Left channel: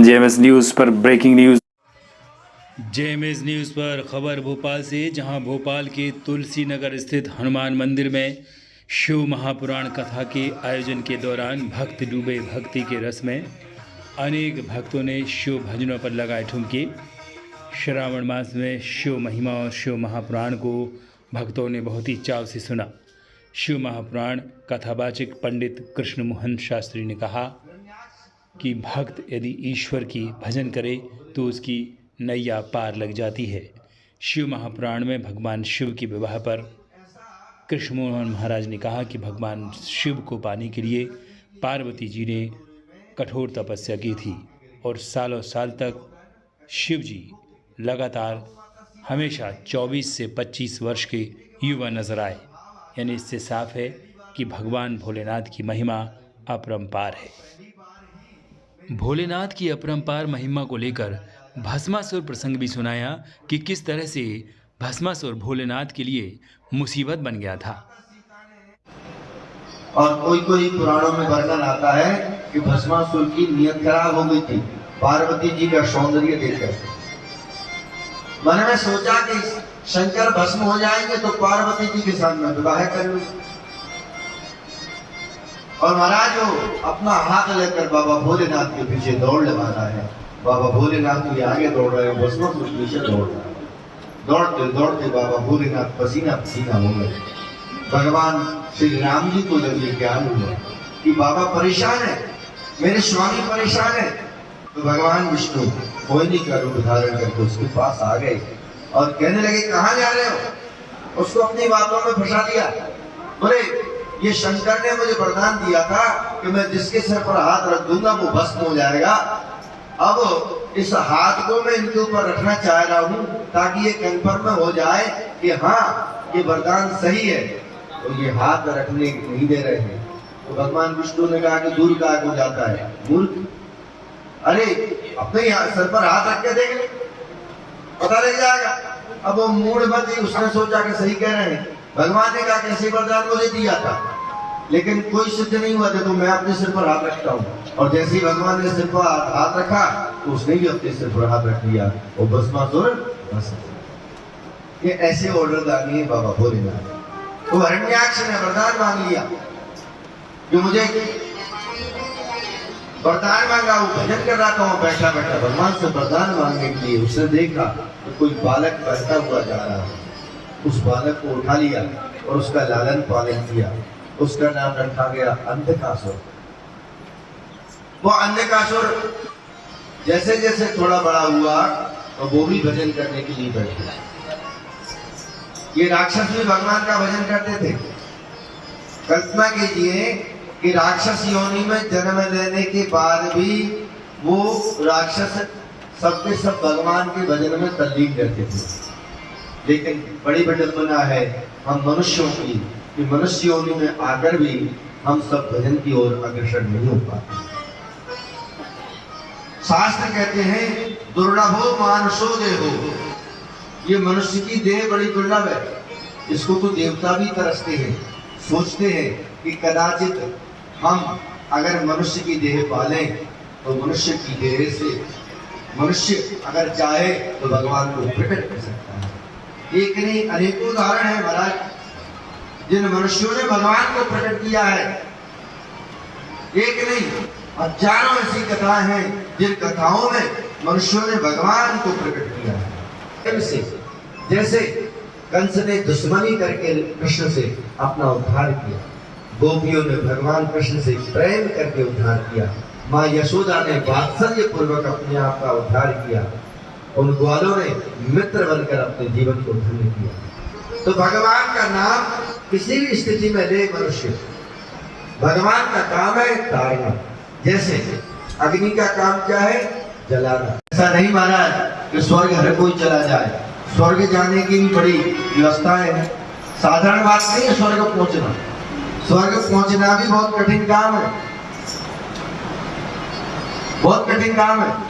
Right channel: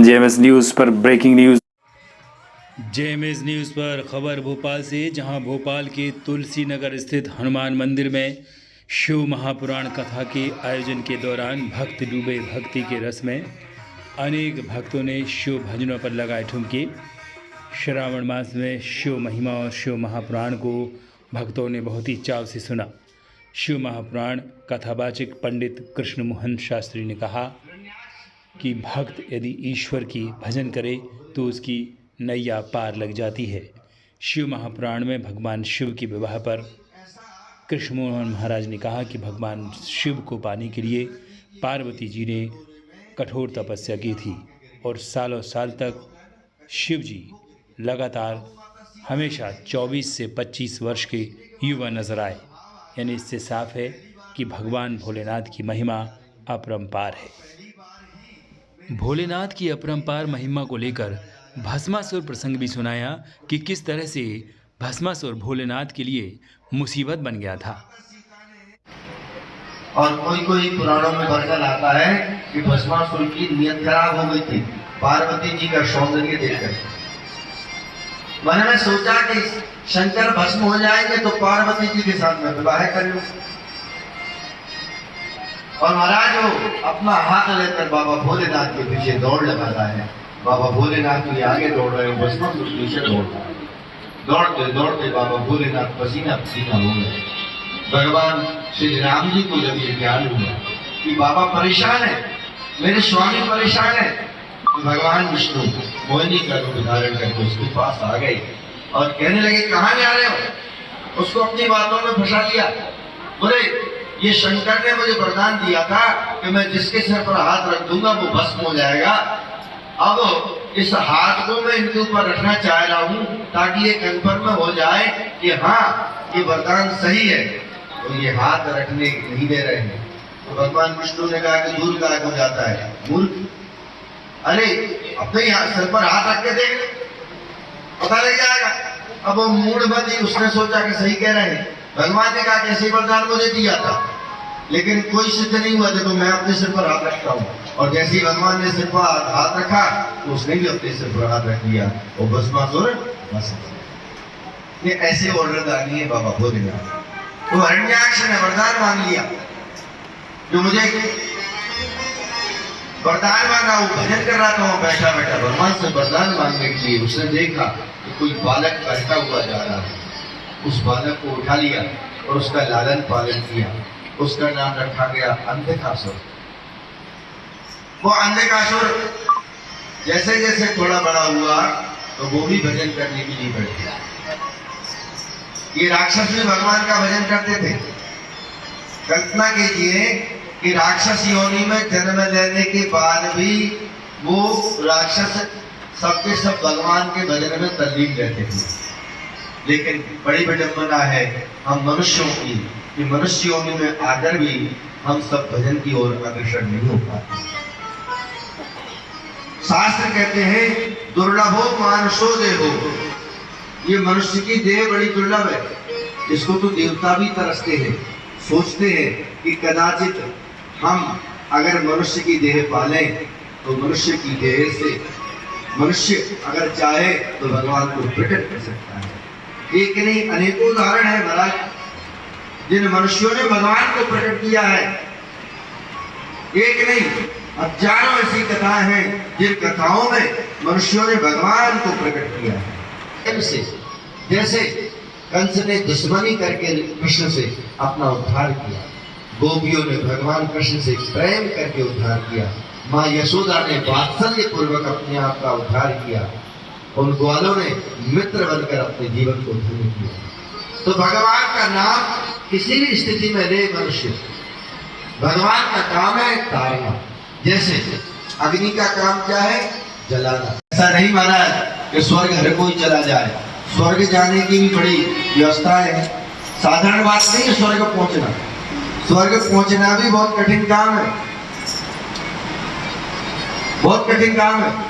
JMS news पर breaking news. JMS news पर खबर भोपाल से, जहां भोपाल के तुलसी नगर स्थित हनुमान मंदिर में शिव महापुराण कथा के आयोजन के दौरान भक्त डूबे भक्ति के रस में। अनेक भक्तों ने शिव भजनों पर लगाए ठुमके। श्रावण मास में शिव महिमा और शिव महापुराण को भक्तों ने बहुत ही चाव से सुना। शिव महापुराण कथावाचक पंडित कृष्ण मोहन शास्त्री ने कहा कि भक्त यदि ईश्वर की भजन करे तो उसकी नैया पार लग जाती है। शिव महापुराण में भगवान शिव के विवाह पर कृष्ण मोहन महाराज ने कहा कि भगवान शिव को पाने के लिए पार्वती जी ने कठोर तपस्या की थी और सालों साल तक शिव जी लगातार हमेशा 24 से 25 वर्ष के युवा नजर आए। यानी इससे साफ है कि भगवान भोलेनाथ की महिमा अपरंपार है। भोलेनाथ की अपरंपार महिमा को लेकर भस्मासुर प्रसंग भी सुनाया कि किस तरह से भस्मासुर भोलेनाथ के लिए मुसीबत बन गया था। और कोई कोई पुराणों में वर्णन आता है कि भस्मासुर की नीयत खराब हो गई थी पार्वती जी का सौंदर्य देखकर। मन में सोचा कि शंकर भस्म हो जाएंगे तो पार्वती जी के साथ में विवाह कर लूं। और महाराज वो अपना हाथ लेकर बाबा भोलेनाथ के पीछे दौड़ लगाता है। बाबा भोलेनाथ के आगे दौड़ रहे, भस्मासुर पीछे दौड़ रहा है। दौड़ते दौड़ते बाबा भोलेनाथ पसीना पसीना हो गए। भगवान श्री राम जी को जब ये ज्ञान हुआ कि बाबा परेशान है, मेरे स्वामी परेशान है, तो भगवान विष्णु मोहिनी का रूप धारण करके उसके पास आ गए और कहने लगे कहाँ जा रहे हो। उसको अपनी बातों में फंसा लिया। बोले ये शंकर ने मुझे वरदान दिया था कि मैं जिसके सिर पर हाथ रख दूंगा वो भस्म हो जाएगा। अब इस हाथ को मैं इनके ऊपर रखना चाह रहा हूँ ताकि ये कंफर्म हो जाए कि हाँ ये वरदान सही है। तो ये हाथ रखने नहीं दे रहे हैं। तो भगवान विष्णु ने कहा कि दूर का हो जाता है मूर्ख, अरे अपने सर पर हाथ रख के देख, पता लग जाएगा। अब वो मूढ़मती उसने सोचा कि सही कह रहे हैं। भगवान ने कहा कि ऐसी वरदान मुझे दिया था लेकिन कोई सिद्ध नहीं हुआ था तो मैं अपने सिर पर हाथ रखता हूँ। और जैसे ही भगवान ने सिर पर हाथ रखा तो उसने भी अपने सिर पर हाथ रख दिया और भस्मासुर भस्म। ये ऐसे ऑर्डरदानी है बाबा भोलेनाथ। तो हिरण्याक्ष ने वरदान मांग लिया, जो मुझे वरदान मांगा वो भजन कर रहा था, वो बैठा बैठा भगवान से वरदान मांगने के लिए उसने देखा कि कोई बालक बहता हुआ जा रहा है। उस बालक को उठा लिया और उसका लालन पालन किया। उसका नाम रखा गया अंधकासुर। वो अंधकासुर जैसे जैसे थोड़ा बड़ा हुआ तो वो भी भजन करने के लिए बैठ गया। ये राक्षस भी भगवान का भजन करते थे। कल्पना कीजिए कि राक्षस योनि में जन्म लेने के बाद भी वो राक्षस सबके सब भगवान के भजन में तल्लीन रहते थे। लेकिन बड़ी विडंबना है हम मनुष्यों की कि मनुष्य योनि में आकर भी हम सब भजन की ओर अग्रसर नहीं हो पाते। शास्त्र कहते हैं दुर्लभो मानुषो देहो, ये मनुष्य की देह बड़ी दुर्लभ है। इसको तो देवता भी तरसते हैं, सोचते हैं कि कदाचित हम अगर मनुष्य की देह पालें तो मनुष्य की देह से मनुष्य अगर चाहे तो भगवान को प्रकट कर सकता है। एक नहीं अनेकों उदाहरण है महाराज जिन मनुष्यों ने भगवान को प्रकट किया है। एक नहीं हजारों ऐसी कथाएं हैं जिन कथाओं में मनुष्यों ने भगवान को प्रकट किया है। जैसे कंस ने दुश्मनी करके कृष्ण से अपना उद्धार किया, गोपियों ने भगवान कृष्ण से प्रेम करके उद्धार किया, माँ यशोदा ने वात्सल्य पूर्वक अपने आप का उद्धार किया, उन ग्वालों ने मित्र बनकर अपने जीवन को धन्य किया। तो भगवान का नाम किसी भी स्थिति में ले मनुष्य, भगवान का काम है तारना। जैसे अग्नि का काम क्या है? जलाना। ऐसा नहीं महाराज कि स्वर्ग हर कोई चला जाए। स्वर्ग जाने की भी बड़ी व्यवस्था है, साधारण बात नहीं है स्वर्ग पहुंचना। स्वर्ग पहुंचना भी बहुत कठिन काम है, बहुत कठिन काम है।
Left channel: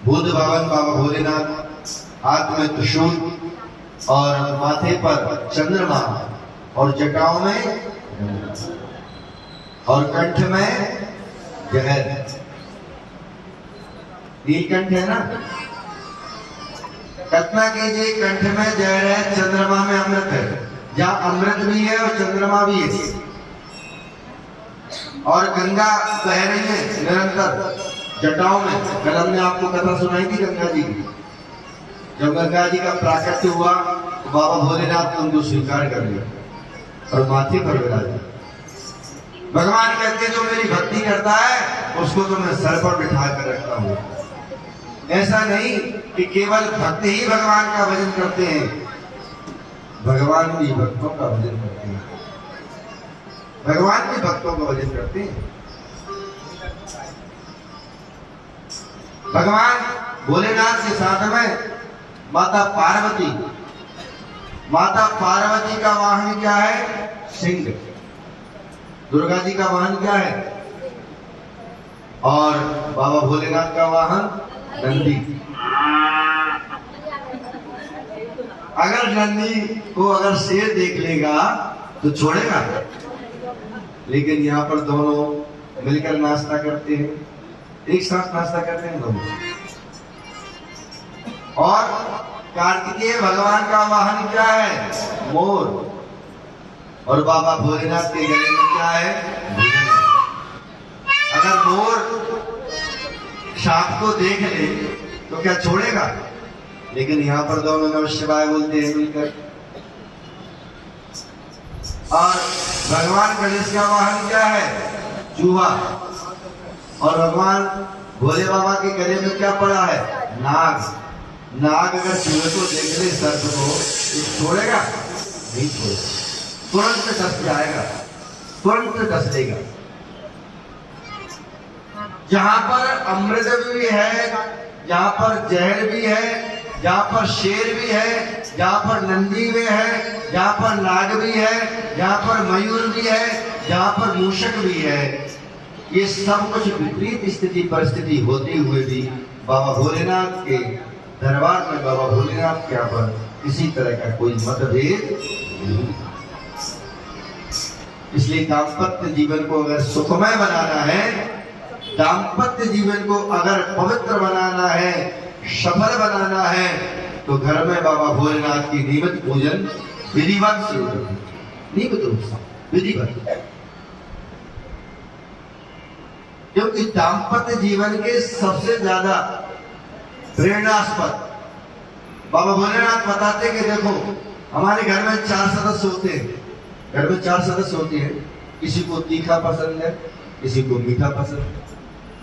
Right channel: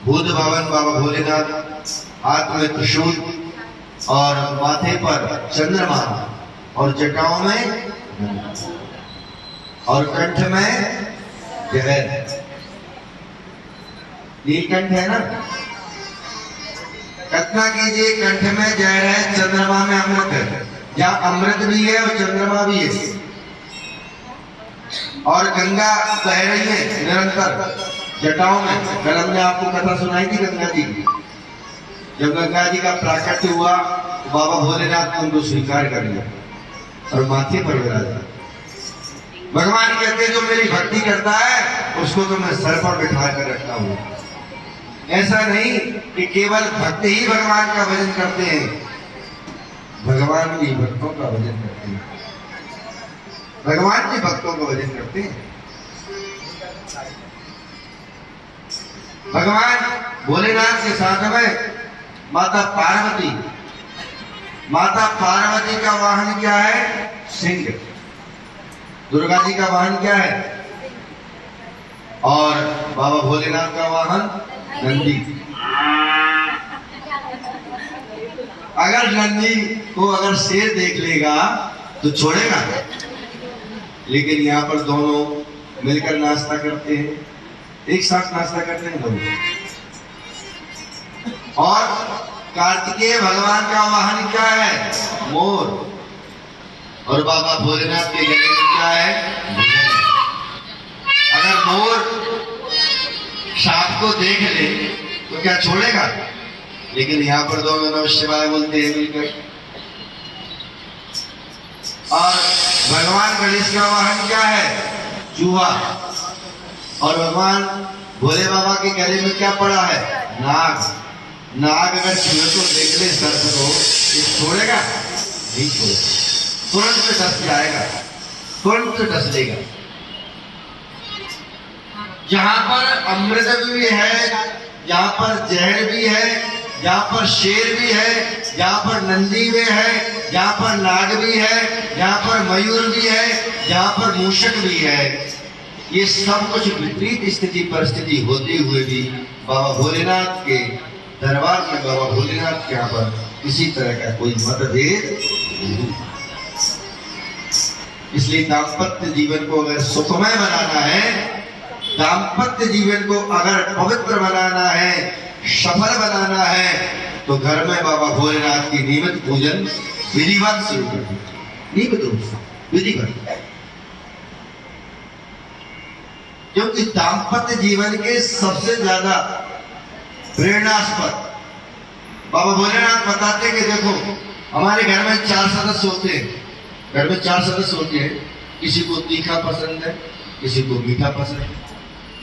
भूत भवन बाबा भोलेनाथ, हाथ में त्रिशूल और माथे पर चंद्रमा और जटाओं में और कंठ में जहर। नीलकंठ है ना, कल्पना कीजिए कंठ में जहर है, चंद्रमा में अमृत है। जहाँ अमृत भी है और चंद्रमा भी है, और गंगा बह रही है निरंतर जटाओं में। कल हमने आपको कथा सुनाई थी गंगा जी की। जब गंगा जी का प्राकट्य हुआ तो बाबा भोलेनाथ ने उनको स्वीकार कर लिया और माथे पर विराजा। भगवान कहते जो मेरी भक्ति करता है उसको तो मैं सर पर बिठा कर रखता हूँ। ऐसा नहीं कि केवल भक्त ही भगवान का भजन करते हैं, भगवान भी भक्तों का भजन करते हैं, भगवान भी भक्तों का भजन करते हैं। भगवान भोलेनाथ के साथ में माता पार्वती। माता पार्वती का वाहन क्या है? सिंह। दुर्गा जी का वाहन क्या है? और बाबा भोलेनाथ का वाहन नंदी। अगर नंदी को अगर शेर देख लेगा तो छोड़ेगा, लेकिन यहाँ पर दोनों मिलकर नाश्ता करते हैं, एक साथ नाश्ता करते हैं दोनों। और कार्तिकेय भगवान का वाहन क्या है? मोर। और बाबा भोलेनाथ के गले में क्या है? अगर मोर सांप को देख ले तो क्या छोड़ेगा? लेकिन यहाँ पर दोनों नमः शिवाय बोलते हैं मिलकर। और भगवान गणेश का वाहन क्या है? चूहा। और भगवान भोले बाबा के गले में क्या पड़ा है? नाग। नाग अगर चूहे को देख ले, सर्प को, छोड़ेगा? नहीं छोड़ेगा, तुरंत में डस जाएगा, तुरंत डस लेगा। जहां पर अमृत भी है, जहां पर जहर भी है, जहां पर शेर भी है, जहां पर नंदी भी है, जहां पर नाग भी है, जहां पर मयूर भी है, जहां पर मूषक भी है, ये सब कुछ विपरीत स्थिति परिस्थिति होते हुए भी बाबा भोलेनाथ के दरबार में, बाबा भोलेनाथ के यहाँ पर किसी तरह का कोई मतभेद नहीं। इसलिए दाम्पत्य जीवन को अगर सुखमय बनाना है, दाम्पत्य जीवन को अगर पवित्र बनाना है, सफल बनाना है, तो घर में बाबा भोलेनाथ की नियमित पूजन विधिवत शुरू कर दो। नियमित रूप से विधिवत, क्योंकि दाम्पत्य जीवन के सबसे ज्यादा प्रेरणास्पद बाबा भोलेनाथ बताते कि देखो हमारे घर में 4 सदस्य होते हैं। घर में 4 सदस्य होते हैं, किसी को तीखा पसंद है, किसी को मीठा पसंद है,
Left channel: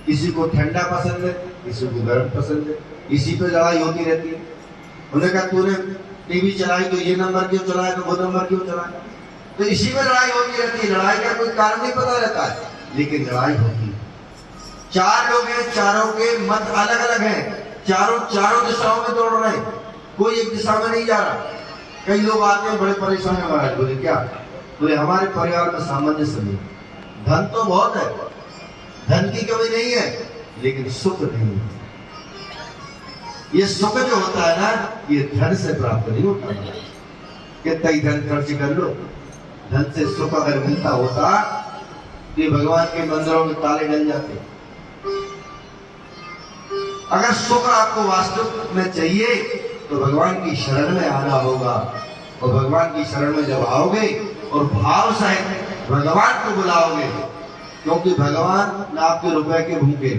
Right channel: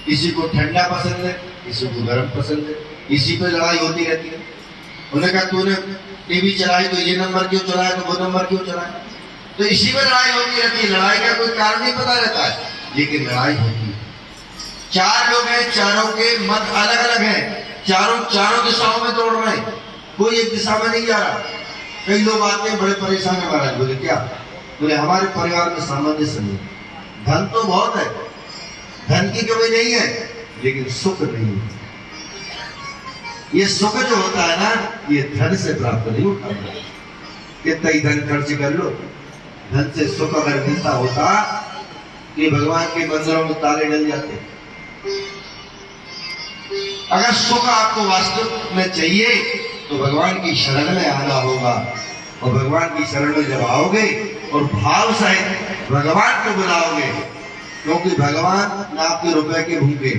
किसी को ठंडा पसंद है, किसी को गर्म पसंद है, इसी पे लड़ाई होती रहती है। उन्होंने कहा तूने टीवी चलाई तो ये नंबर क्यों चलाया, तो वो नंबर क्यों चलाया, तो इसी में लड़ाई होती रहती है। लड़ाई का कोई कारण नहीं पता रहता है, लेकिन लड़ाई होती है। 4 लोग हैं, चारों के मत अलग अलग हैं, चारों दिशाओं में दौड़ रहे हैं, कोई एक दिशा में नहीं जा रहा। कई लोग आते हैं बड़े परेशान है महाराज। बोले क्या? बोले हमारे परिवार में सामंजस्य नहीं, धन तो बहुत है, धन की कमी नहीं है, लेकिन सुख नहीं है। ये सुख जो होता है ना, ये धन से प्राप्त नहीं होता। कितना ही धन खर्च कर लो, धन से सुख अगर मिलता होता तो ये भगवान के मंदिरों में ताले डल जाते। अगर सुख आपको वास्तव में चाहिए तो भगवान की शरण में आना होगा, और भगवान की शरण में जब आओगे और भाव सहित भगवान को बुलाओगे, क्योंकि भगवान ना आपके रुपए के भूखे,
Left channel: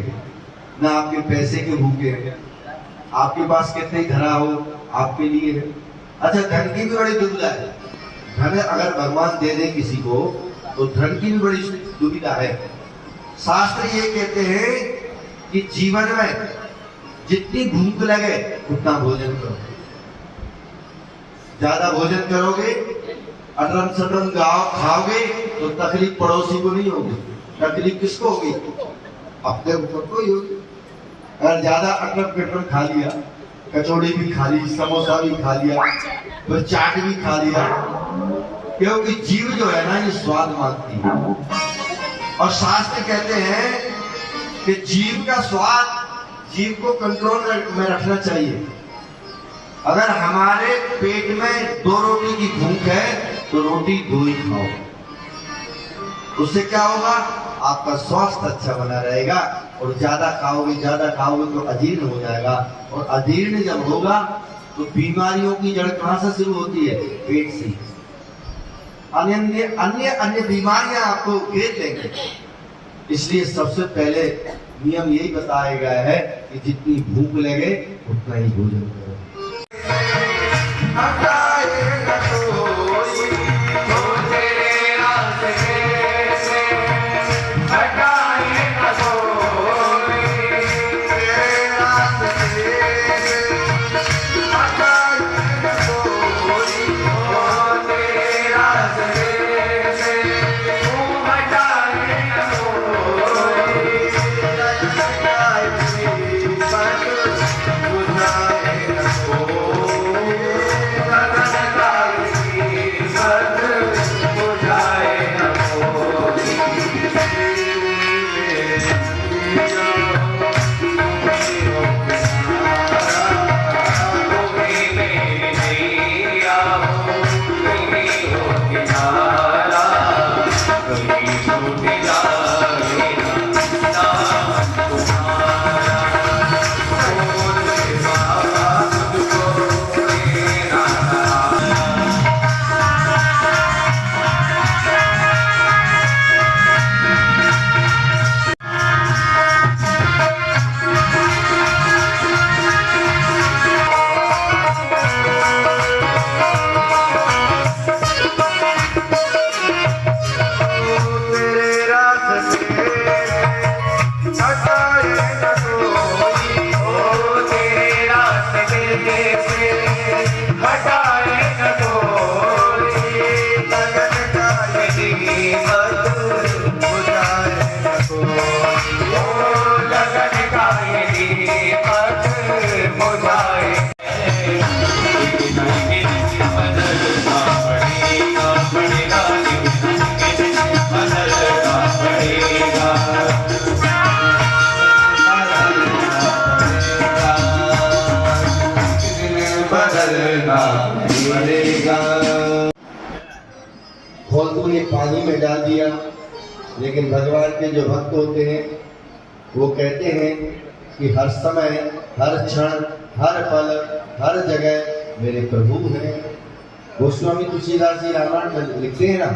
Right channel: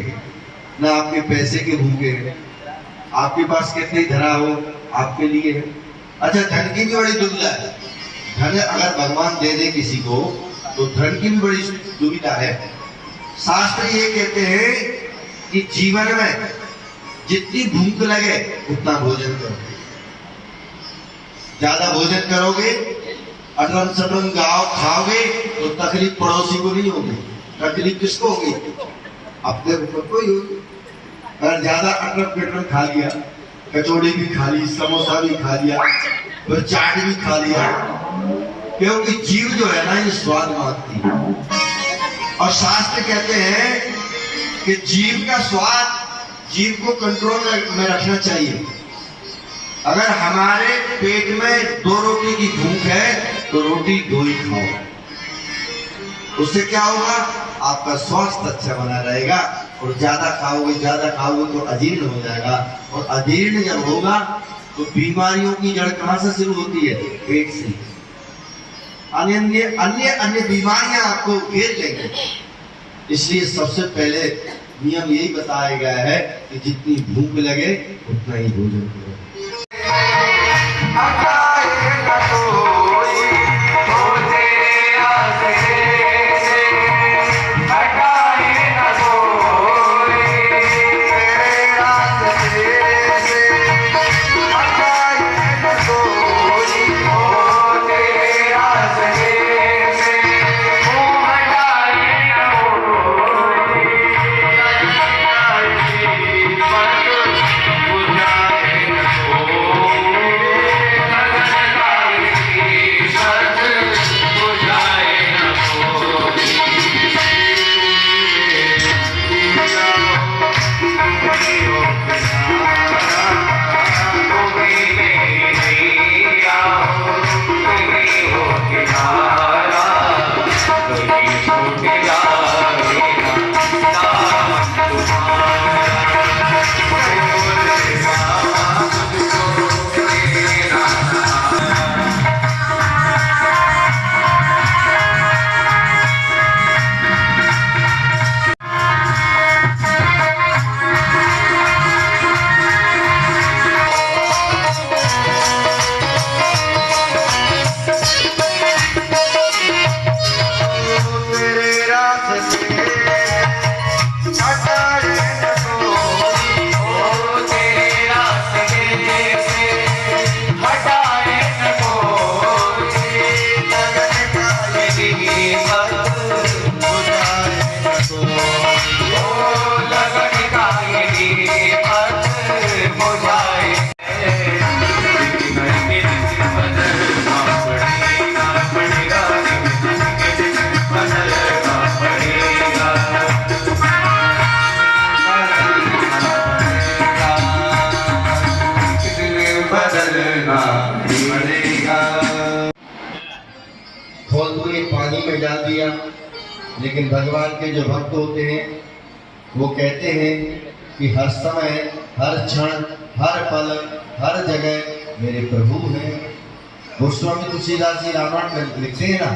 ना आपके पैसे के भूखे, आपके पास कितने धरा हो आपके लिए। अच्छा, धन की भी बड़ी दुविधा है। धन अगर भगवान दे दे किसी को तो धन की भी बड़ी दुविधा है। शास्त्र ये कहते हैं कि जीवन में जितनी भूख लगे उतना भोजन करो। ज्यादा भोजन करोगे, अटन सटन गाँव खाओगे तो तकलीफ पड़ोसी को नहीं होगी, तकलीफ किसको होगी? अपने ऊपर को ही होगी। अगर ज्यादा अटन पिटन खा लिया, कचौड़ी भी खा ली, समोसा भी खा लिया, तो चाट भी खा लिया, क्योंकि जीव जो है ना ये स्वाद मांगती है। और शास्त्र कहते हैं कि जीव का स्वाद जीभ को कंट्रोल में रखना चाहिए। अगर हमारे पेट में 2 रोटी की भूख है तो रोटी 2 ही खाओ। उससे क्या होगा, आपका स्वास्थ्य अच्छा बना रहेगा। और ज्यादा खाओगे तो अजीर्ण हो जाएगा, और अजीर्ण जब होगा तो बीमारियों की जड़ कहां से शुरू होती है, पेट से। अन्य बीमारियां आपको घेर लेंगे। इसलिए सबसे पहले नियम यही बताया गया है कि जितनी भूख लगे उतना ही भोजन करो। फालतू ने पानी में डाल दिया। लेकिन भगवान के जो भक्त होते हैं वो कहते हैं कि हर समय, हर क्षण, हर पल, हर जगह मेरे प्रभु हैं। गोस्वामी तुलसीदास जी रामायण में लिखते हैं ना,